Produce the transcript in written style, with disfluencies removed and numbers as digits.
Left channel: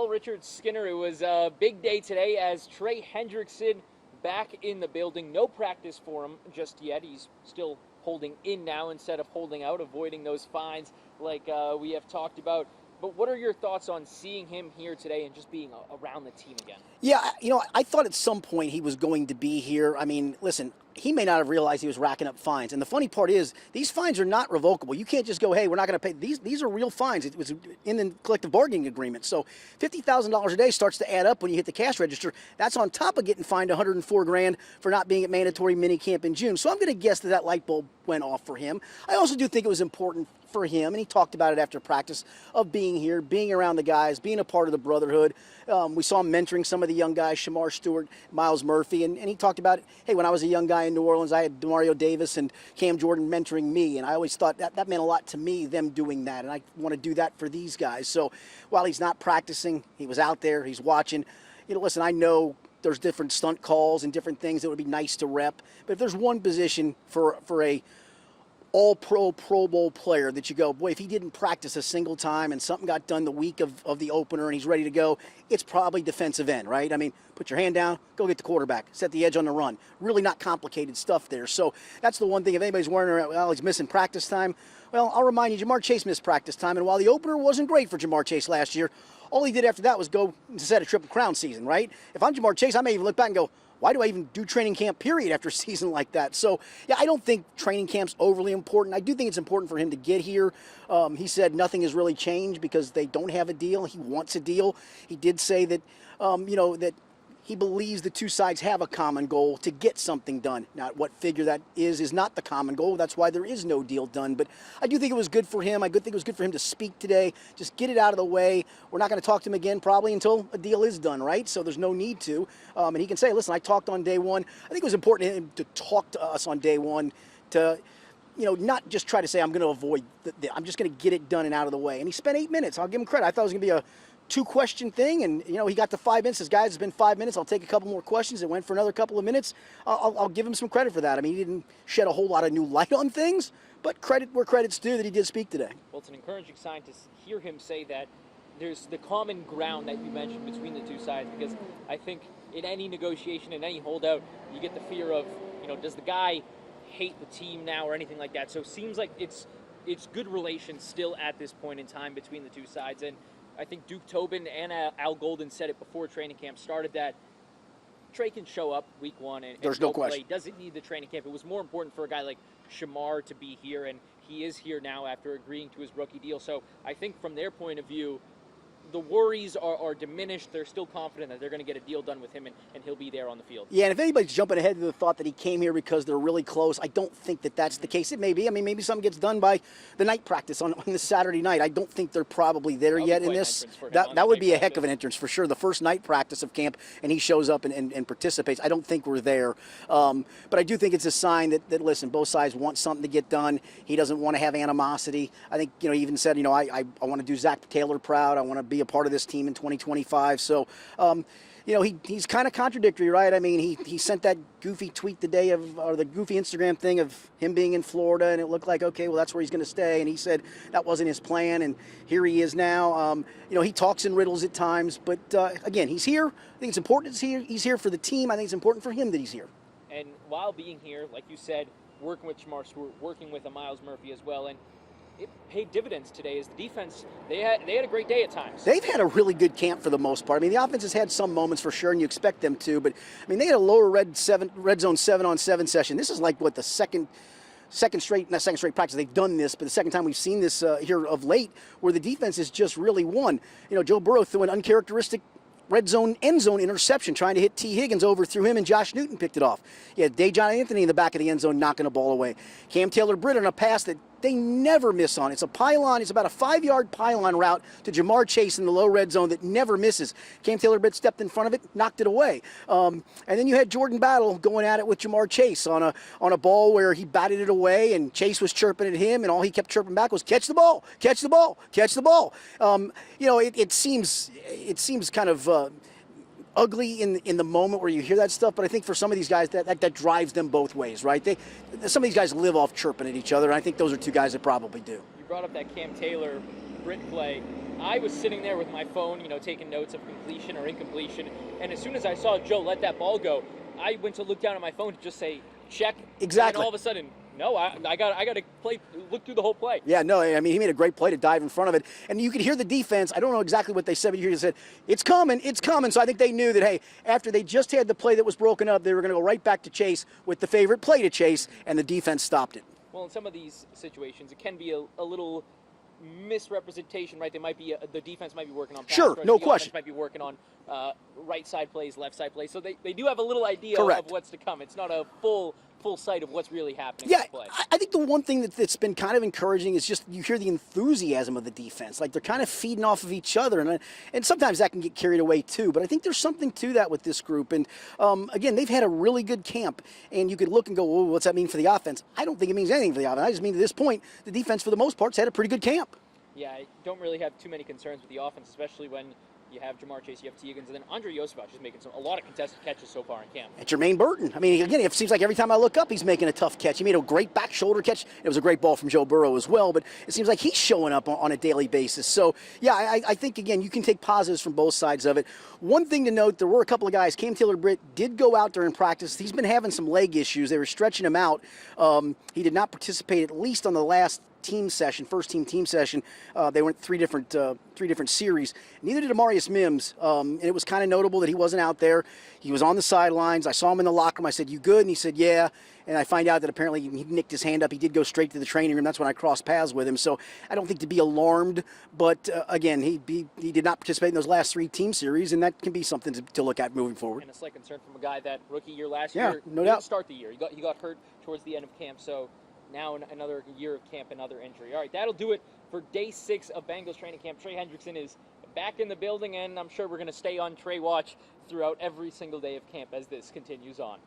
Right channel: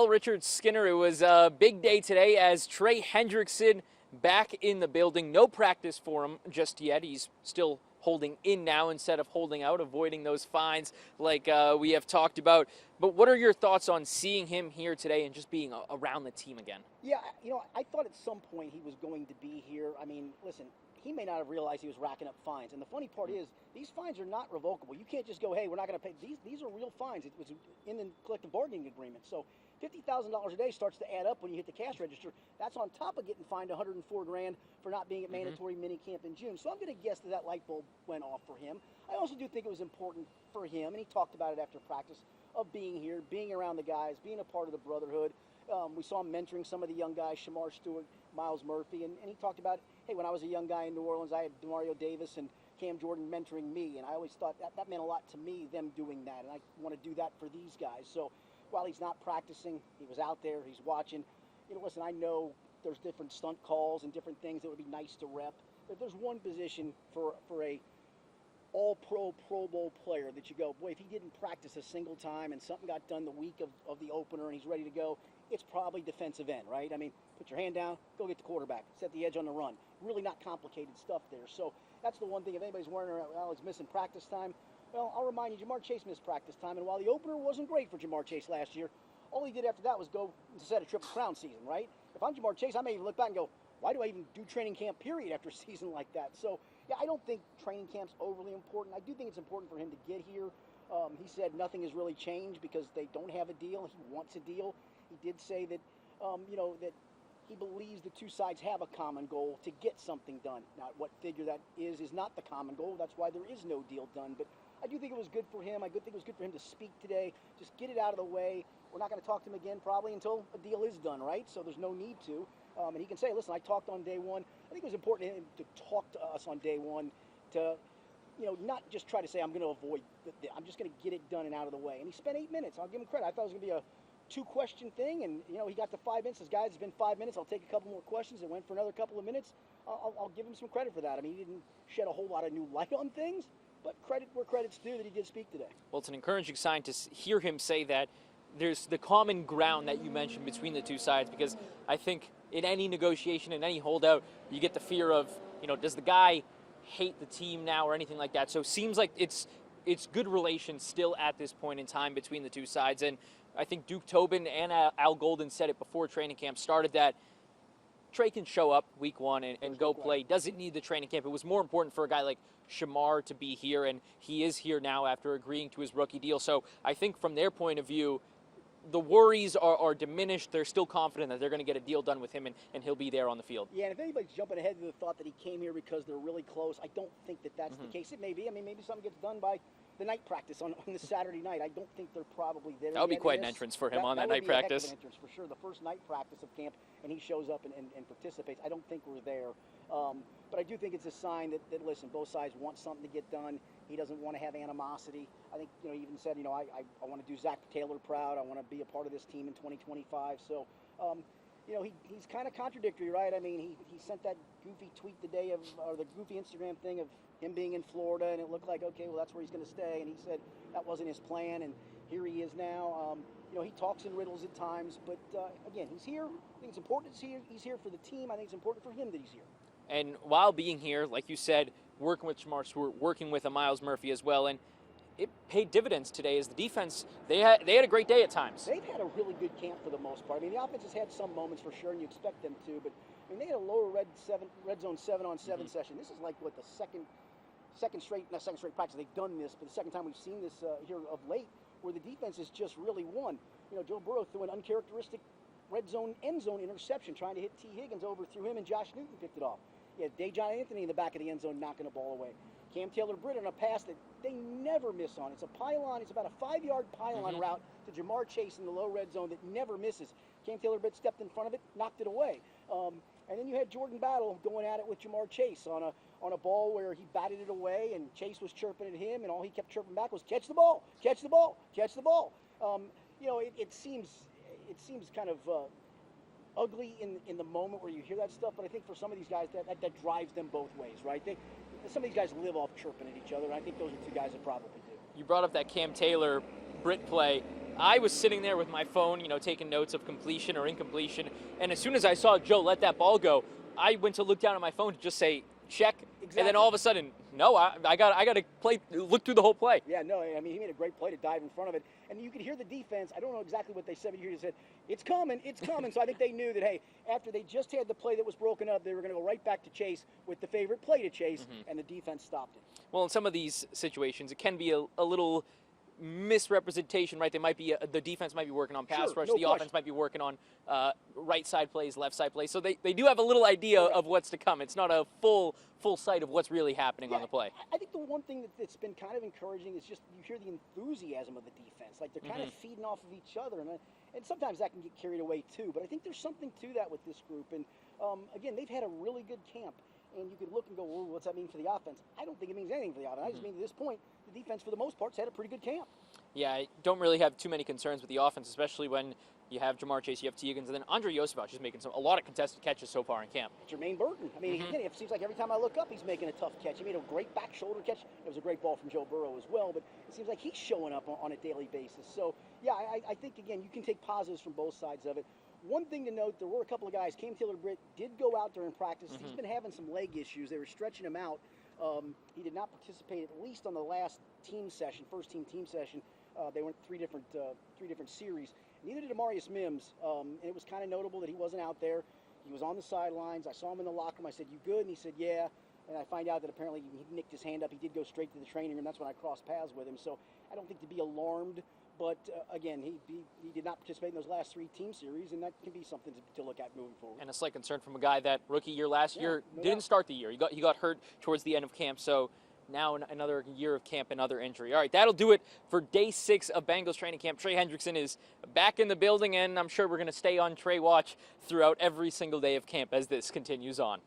Well, Richard Skinner, it was a big day today as Trey Hendrickson back in the building. No practice for him just yet. He's still holding in now instead of holding out, avoiding those fines like we have talked about. But what are your thoughts on seeing him here today and just being around the team again? Yeah, I thought at some point he was going to be here. I mean, listen, he may not have realized he was racking up fines. And the funny part is, these fines are not revocable. You can't just go, hey, we're not going to pay. These are real fines. It was in the collective bargaining agreement. So $50,000 a day starts to add up when you hit the cash register. That's on top of getting fined $104,000 for not being at mandatory minicamp in June. So I'm going to guess that light bulb went off for him. I also do think it was important for him, and he talked about it after practice, of being here, being around the guys, being a part of the brotherhood. We saw him mentoring some of the young guys, Shamar Stewart, Miles Murphy, and he talked about, hey, when I was a young guy in New Orleans, I had Demario Davis and Cam Jordan mentoring me, and I always thought that meant a lot to me, them doing that, and I want to do that for these guys. So while he's not practicing, he was out there, he's watching. Listen, I know there's different stunt calls and different things that would be nice to rep, but if there's one position for a all-pro, Pro Bowl player that you go, boy, if he didn't practice a single time and something got done the week of the opener and he's ready to go, it's probably defensive end, right? I mean, put your hand down, go get the quarterback, set the edge on the run. Really not complicated stuff there. So that's the one thing. If anybody's wondering, well, he's missing practice time, well, I'll remind you, Jamar Chase missed practice time, and while the opener wasn't great for Jamar Chase last year, all he did after that was go to set a Triple Crown season, right? If I'm Jamar Chase, I may even look back and go, why do I even do training camp, period, after a season like that? So, yeah, I don't think training camp's overly important. I do think it's important for him to get here. He said nothing has really changed because they don't have a deal. He wants a deal. He did say that, that he believes the two sides have a common goal to get something done. Now, what figure that is not the common goal. That's why there is no deal done. But I do think it was good for him. I think it was good for him to speak today. Just get it out of the way. We're not going to talk to him again probably until a deal is done, right? So there's no need to. And he can say, listen, I talked on day one. I think it was important to him to talk to us on day one to, not just try to say, I'm going to avoid, I'm just going to get it done and out of the way. And he spent 8 minutes. I'll give him credit. I thought it was going to be a 2-question thing, and he got to 5 minutes. Says, guys, it's been 5 minutes. I'll take a couple more questions. It went for another couple of minutes. I'll give him some credit for that. I mean, he didn't shed a whole lot of new light on things, but credit where credit's due that he did speak today. Well, it's an encouraging sign to hear him say that there's the common ground that you mentioned between the two sides, because I think in any negotiation, in any holdout, you get the fear of, does the guy hate the team now or anything like that? So it seems like it's good relations still at this point in time between the two sides. And I think Duke Tobin and Al Golden said it before training camp started that Trey can show up week one and go play. Doesn't need the training camp. It was more important for a guy like Shamar to be here, and he is here now after agreeing to his rookie deal. So I think from their point of view, the worries are diminished. They're still confident that they're going to get a deal done with him, and he'll be there on the field. Yeah, and if anybody's jumping ahead to the thought that he came here because they're really close, I don't think that that's the case. It may be. I mean, maybe something gets done by the night practice on this Saturday night. I don't think they're probably there yet in this. That would be a heck of an entrance for sure. The first night practice of camp, and he shows up and participates. I don't think we're there. But I do think it's a sign that, listen, both sides want something to get done. He doesn't want to have animosity. I think, he even said, I want to do Zach Taylor proud. I want to be a part of this team in 2025. So, he's kind of contradictory, right? I mean, he sent that goofy tweet the day of, or the goofy Instagram thing of him being in Florida, and it looked like, okay, well, that's where he's going to stay. And he said that wasn't his plan, and here he is now. He talks in riddles at times, but again, he's here. I think it's important he's here for the team. I think it's important for him that he's here. And while being here, like you said, working with Shamar Stewart, working with a Miles Murphy as well, and it paid dividends today as the defense, they had a great day at times. They've had a really good camp for the most part. I mean, the offense has had some moments for sure, and you expect them to, but I mean, they had a lower red zone 7-on-7 session. This is like what the second straight practice they've done this, but the second time we've seen this here of late, where the defense has just really won. Joe Burrow threw an uncharacteristic red zone, end zone interception, trying to hit T. Higgins, overthrew him, and Josh Newton picked it off. You had Dejon Anthony in the back of the end zone knocking a ball away. Cam Taylor-Britt on a pass that they never miss on. It's a pylon. It's about a 5-yard pylon route to Jamar Chase in the low red zone that never misses. Cam Taylor-Britt stepped in front of it, knocked it away. And then you had Jordan Battle going at it with Jamar Chase on a ball where he batted it away, and Chase was chirping at him, and all he kept chirping back was, catch the ball, catch the ball, catch the ball. It seems kind of ugly in the moment where you hear that stuff, but I think for some of these guys that drives them both ways, right? Some of these guys live off chirping at each other, and I think those are two guys that probably do. You brought up that Cam Taylor-Britt play. I was sitting there with my phone, taking notes of completion or incompletion, and as soon as I saw Joe let that ball go, I went to look down at my phone to just say, check. Exactly. And then all of a sudden, no, I got to look through the whole play. Yeah, no, I mean, he made a great play to dive in front of it. And you could hear the defense. I don't know exactly what they said, but you said, it's coming, it's coming. So I think they knew that, hey, after they just had the play that was broken up, they were going to go right back to chase with the favorite play to chase, and the defense stopped it. Well, in some of these situations, it can be a little misrepresentation, right? The defense might be working on pass rush, no the question. offense might be working on right side plays, left side plays. So they do have a little idea Correct. of what's to come. It's not a full sight of what's really happening Yeah, on the play. I think the one thing that's been kind of encouraging is just you hear the enthusiasm of the defense. Like they're kind of feeding off of each other, and sometimes that can get carried away too. But I think there's something to that with this group. And again, they've had a really good camp, and you could look and go, well, what's that mean for the offense? I don't think it means anything for the offense. I just mean to this point, the defense for the most part has had a pretty good camp. Yeah, I don't really have too many concerns with the offense, especially when you have Jamar Chase, you have Teagans, and then Andre Yosefovich is making a lot of contested catches so far in camp. And Jermaine Burton. I mean, again, it seems like every time I look up, he's making a tough catch. He made a great back shoulder catch. It was a great ball from Joe Burrow as well, but it seems like he's showing up on a daily basis. So, yeah, I think, again, you can take positives from both sides of it. One thing to note, there were a couple of guys. Cam Taylor-Britt did go out during practice. He's been having some leg issues. They were stretching him out. He did not participate, at least on the last first team session. They went three different series. Neither did Amarius Mims. And it was kind of notable that he wasn't out there. He was on the sidelines. I saw him in the locker room. I said, "You good?" And he said, "Yeah." And I find out that apparently he nicked his hand up. He did go straight to the training room. That's when I crossed paths with him. So I don't think to be alarmed. But again, he did not participate in those last 3 team series, and that can be something to look at moving forward. And a slight concern from a guy that rookie year last Yeah, year no didn't doubt. start the year. He got hurt towards the end of camp. So now another year of camp, another injury. All right, that'll do it for day 6 of Bengals training camp. Trey Hendrickson is back in the building, and I'm sure we're going to stay on Trey watch throughout every single day of camp as this continues on.